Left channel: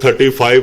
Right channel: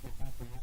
35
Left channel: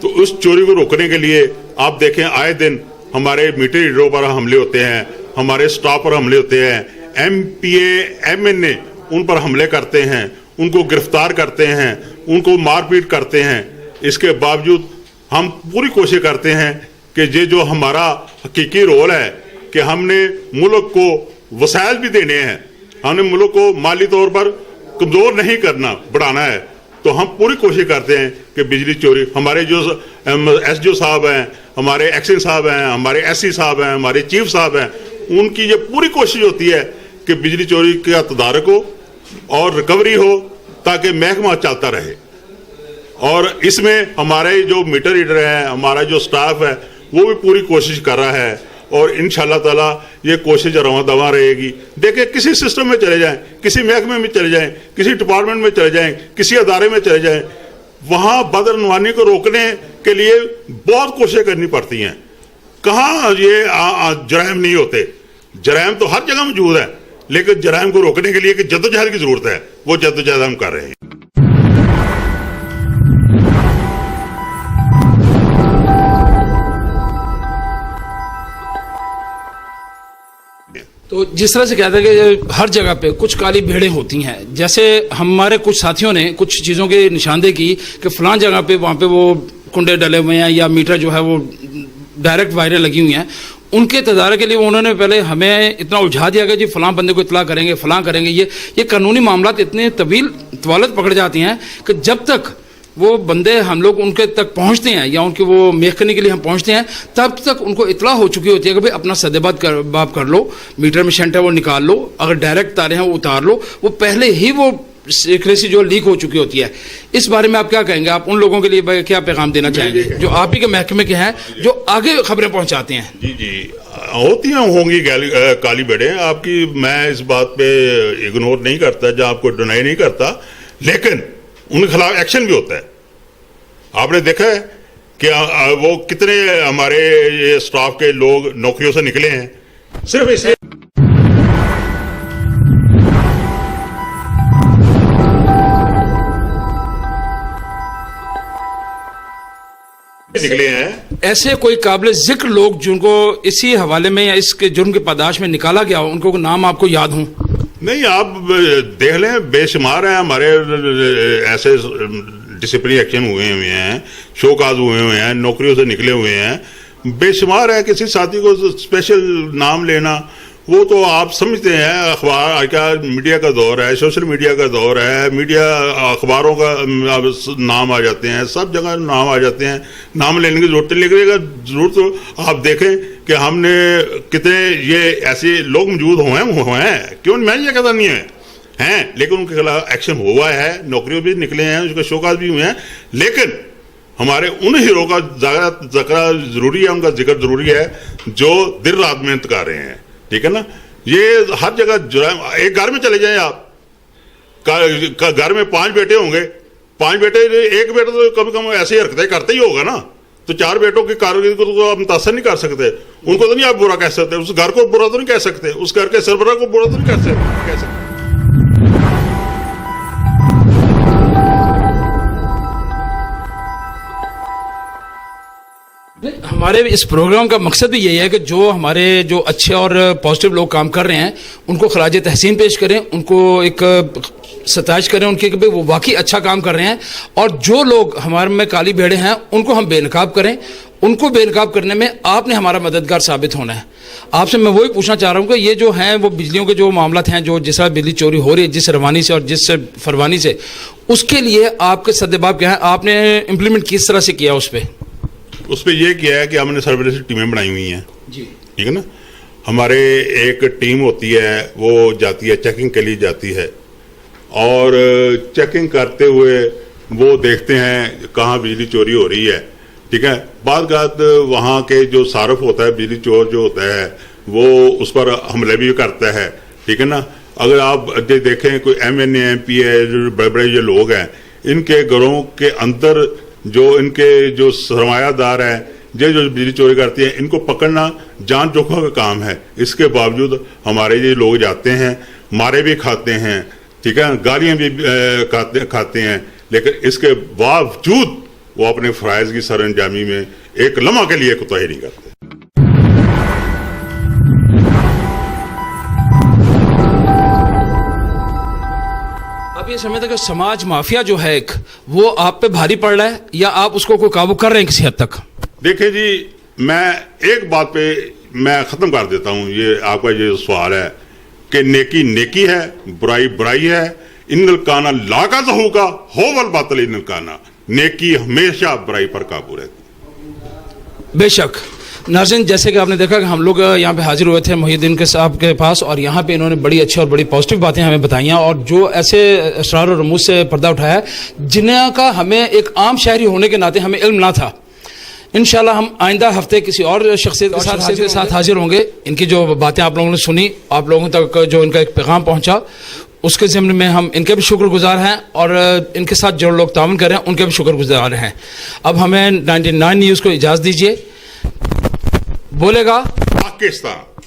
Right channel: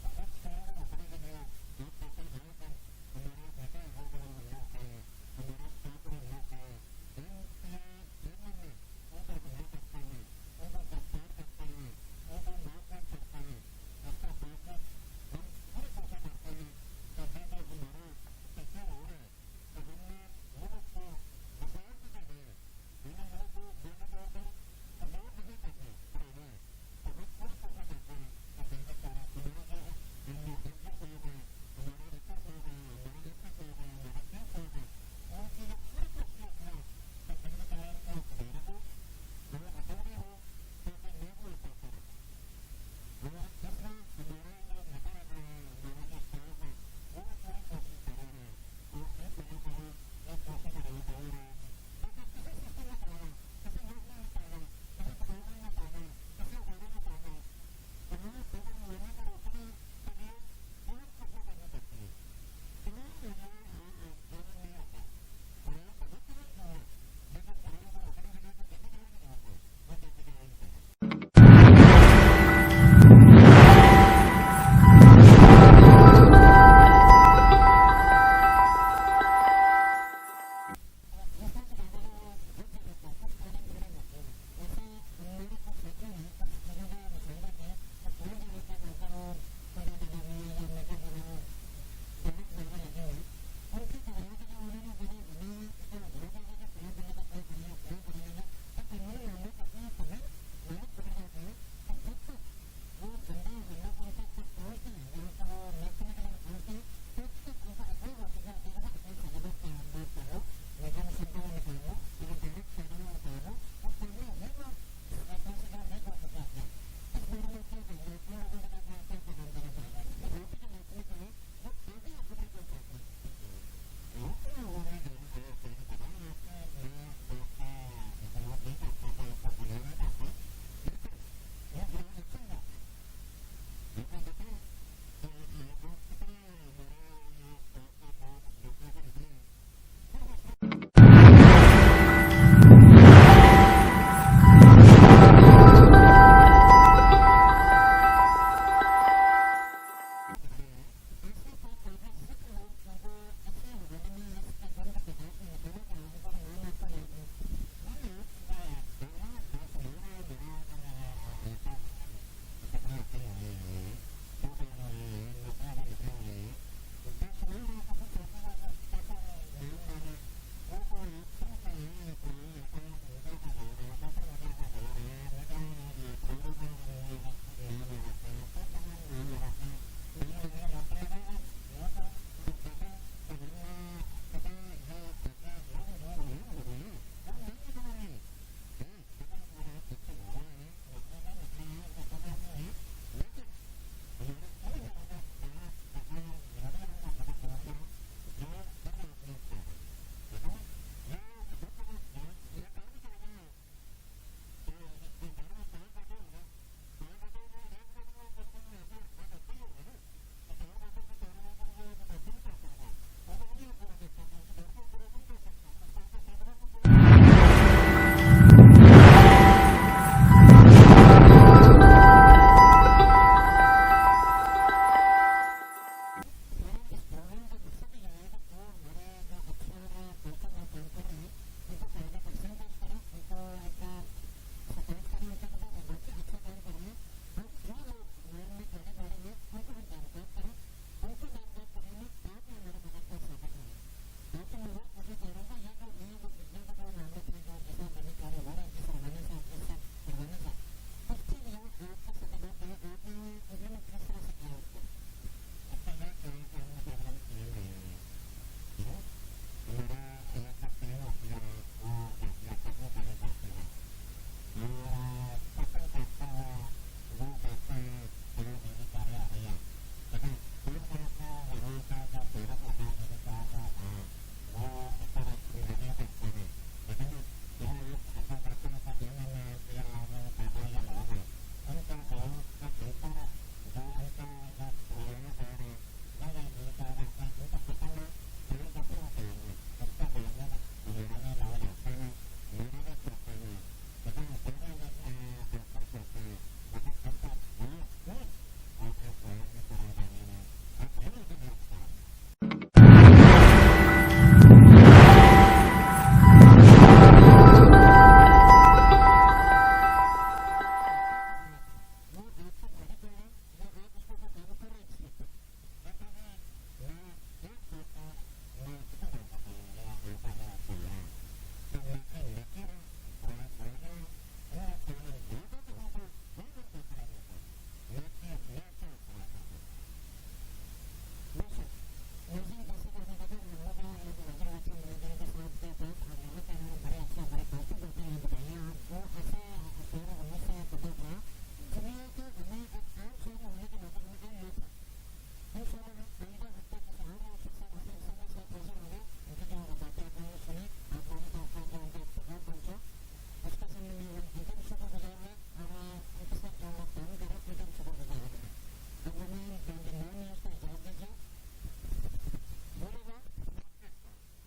تو اس چوری کو روکنے کے لیے آپ دیکھیں آئے دن ہمارے میٹر ریڈروں پر حملے ہوتے ہیں, ہمارے سٹاف پر حملے ہوتے ہیں, MPA MNA ان پر حملے کرتے ہیں, ان کو گرفتار کرتے ہیں, ان کو مار پیٹ کرتے ہیں. اس کے باوجود ہم پوری کوشش کرتے ہیں کہ یہ جو ہمارا حقیقی رول ہے کہ ہم نے ملک کو وسائل بھی دینے ہیں, ہم نے ملک کو مالی طور پر کمزور نہیں کرنا, بڑھانا ہے. تو ہم پوری کوشش کرتے ہیں کہ بجلی چوری, ہمارے جو SDO صاحب ہیں, ہمارے ایکسن صاحب ہیں, ہمارے SC صاحب ہیں, ہمارے چیف صاحب ہیں, ان کی یہ پوری کوشش ہوتی ہے کہ بجلی چوری کا تدارک ہو اور ریکوری ہو تاکہ محکمہ چلتا رہے. اور اس میں ہمارے جو میٹر ریڈر ہیں, ہمارا جو سٹاف ہے, وہ بھی پوری کوشش کر رہا ہے اور انشاءاللہ تعالیٰ یہ کوشش رواں دواں رہے گی. دیکھیں کسی سسٹم میں چلے جائیں, کسی محکمے میں چلے جائیں, کسی ڈپارٹمنٹ میں چلے جائیں, کسی ادارے میں چلے جائیں, وہاں بدعنوانی کو روکنے کے لیے بہت کوششیں کرنی پڑتی ہیں. کہاں یہ جرائم نہیں ہوتے, جرائم تو ہر جگہ موجود ہے, لیکن جرائم کو روکنے کے لیے کہ جدوجہد کی ضرورت ہے, وہ جدوجہد ہم کر رہے ہیں. تو جس طرح سے کہتا ہے کہ ہر جگہ پہ کچھ کالی بھیڑیں ہوتی ہیں, جیسے ہمارے کچھ ساتھیوں نے کچھ چیزوں کی نشاندہی کی کہ فلاں جگہ پہ وہاں پہ وہ کنڈے ڈلے ہوئے ہیں یا میٹر جو ہے وہ ڈائریکٹ وائریں لگی ہوئی ہیں. ان کے تدارک کے لیے انہوں نے پہلے ہمیں اتنا الجھا دیا کہ جی فلاں بندے کو اطلاع کریں گے, فلاں کریں گے. یہ قانونی معاملات اتنے طوالت پکڑ جاتی ہیں کہ جب تک وہ بندے ہم لوگ ان کے تک پہنچتے ہیں یا ان کے وہ محکمے کے لیے ہم پہنچتے ہیں, تب تک ان کو اطلاع ہو چکی ہوتی ہے کہ بھئی اپنا سدے باب کر لو, میٹر میں شنٹ ہے وہ نکال لو, اگر ڈائریکٹ تاریں ہیں وہ اتار لو. وہ پہلے ہی وہ سیکریسی جو لیک ہو چکی ہوتی ہے. اس بارے میں آپ کیا کہیں گے؟ آپ ان لوگوں کے لیے کیا پیغام دینا چاہیں گے جو آپ ہی کے محکمے کے ہیں, جو آگے خبریں پہنچاتے ہیں؟ جی ہوتی ہیں, ہوں گی کالی بڑے آپ کی, میں اس بات پہ اگنور نہیں کرتا, جہاں آپ کو ڈینائی نہیں کرتا, لیکن ان کے خلاف ایکشن بھی ہوتا ہے. آپ نے دیکھا ہے کہ وہ کتنے ہمارے یہ سٹاف کے لوگ نوکریوں سے نکلے ہیں صرف اس لیے نکلے ہیں. ایسے کوئی قابل ذکر لوگ جن کو اسی حوالے میں یا اس کے جرم کے پاداش میں نکالا گیا ہو, ان کو نام آپ کو یاد ہوں؟ نہیں, آپ دیکھ لیں, بے شمار ہیں ہمارے ایسے ڈسپلنری ایکشن ہوئے ہیں, شو کاز ہوئے ہیں, نوکریوں سے نکلے ہوئے ہیں, بے شمار ہے. کسی ساتھی کو اسپیشل نام لینا وہ تو آپ سمجھتے ہیں, اخبار کا میڈیا کا دور ہے, سوشل میڈیا کا دور ہے, میڈیا اخباروں کا نام آ جاتے ہیں, سب جگہ نام آ جاتے ہیں, نام لینے کی ضرورت نہیں. لیکن ضرورت تو آپ دیکھیں کہ ہم نے کتنے یہ ایسے لوگ موجود ہوئے ہیں, کیوں میں یہ کہتا نہیں ہیں, لیکن ان کے خلاف ایکشن ہوا ہے, نوکریوں بھی نکلے ہیں, اس کے شوکاز بھی ہوئے ہیں. لیکن ہمارے ان ہیرو کا ذکر ضروری ہے, ان کا ذکر ضروری ہے جو دن رات محنت کر رہے ہیں. ٹھیک ہے نا, یہ ہر جگہ جرائم. ایک گھر میں چلے جائیں آپ, گھر میں 5 بیٹے ہوں گے, 5 بیٹے, ایک بیٹا تو کم کم ایسی حرکتیں کرتے ہی ہوگا نا, تو 4 بیٹوں کی کارکردگی کو تو آپ متاثر نہیں کر سکتے. ان کو تو نہیں آپ برا کہہ سکتے, اس گھر کو برا تو نہیں کہہ سکتے, اس گھر کے سربراہ کو برا تو نہیں کہہ سکتے. ہمارے اس پروگرام کا مقصد بھی یہی ہے کہ جو ہمارے جو اچھے اور پازیٹیو لوگ کام کر رہے ہیں ان کو خراج تحسین پیش کریں, ان کو ایک ستائش کریں ان کی کہ وہ واقعی اچھا کام کر رہے ہیں. اور جو لوگ ہمارے میں کالی بھیڑیں ہیں ان کو ہم بے نقاب کریں. ان کو بے نقاب کرنے میں آپ نے ہمارا مددگار ثابت ہونا ہے. آپ سے میں وہی پوچھنا چاہ رہا ہوں کہ یہ جو ہیں وہ بجلیوں کے جو معاملات ہیں, جو جس طرح بجلی چوری ہو رہی ہے جس روانی سے اور جس فروانی سے, اس کے لیے آپ کے سدباب کیا ہیں, آپ نے امپلیمنٹ کس طرح سے کیا اس پہ یہ کیا ہے کہ ہم نے سرویلنس ٹیمیں بنائی ہوئی ہیں. جی ٹھیک ہے نا, ہمارے ایک ٹیم ہوتی ہے وہ جاتی ہے چیکنگ کے لیے جاتی ہے, اور چیکنگ کرتے ہوئے وہ دیکھتے ہیں کہاں بجلی چوری ہو رہی ہے. ٹھیک ہے, بعض اوقات وہاں کے جو صارف ہوتا ہے, بجلی چور جو ہوتا ہے, وہ اس پر حملے بھی کرتا ہے. ٹھیک ہے نا, اگر آپ دیکھیں کوئی MNA MPA بڑے بڑے جو لوگ ہیں, ان کے گھروں کے اندر جو ان کے جو سرمایہ دار ہیں, جو بجلی چوری کرتی ہیں, ان کو پکڑنا جان جوکھوں کا کام ہے. اس کے باوجود ہمارے یہ لوگ جاتے ہیں, مارے بھی کھاتے ہیں, ٹھیک ہے, گالیاں بھی کھاتے ہیں, لیکن اس کے باوجود وہ اپنے فرائض کی سر انجامی میں ایک لمحہ کے لیے کوتاہی نہیں کرتے. اب یہ سمجھتے کہ سماج مافیا جو ہے ایک وہ آپ پہ بھاری پڑ رہا ہے یا آپ اس کو کوئی قابو کر رہے ہیں کسی حد تک؟ دیکھیں جی میں ایک بات پہ میں ختم کر دیتا ہوں یہ آپ کا یہ سوال ہے کہ نیکی نیکی ہے برائی برائی ہے. ان الکانا لا کا ظہوکا ہو والباطل ان الکانا. نیکی ہمیشہ برائی پر قابو رہتی. بے شک. ناظرین جیسے کہ آپ نے دیکھا کہ ہم لوگ یہاں پہ حاضر ہوئے تھے محی الدین کے صاحب کے پاس اور یہاں پہ انہوں نے بڑی اچھی اور بڑی پازیٹیو باتیں ہمیں بتائیں اور جو ایسے اسرار و رموز سے پردہ اٹھایا ہے جنہاں کا ہمیں ایک عام شہری ہونے کے ناطے ہمیں علم نہ تھا. انشاءاللہ ہم آئندہ ہفتے کسی اور شخصیت کے ساتھ حاضر ہوں گے. ان کی جو باتیں آپ لوگوں نے سنی آپ لوگوں تک جو ان کا ایک پیغام پہنچا اس کے ضمن میں ہم ان کے بھی شکر گزار ہیں اور ان کے ساتھ جو لوگ تعاون کر رہے ہیں ان کے بھی شکر گزار ہیں. اب ہمیں 99 نیوز کو اجازت دیجیے. بولے گا پاکستان.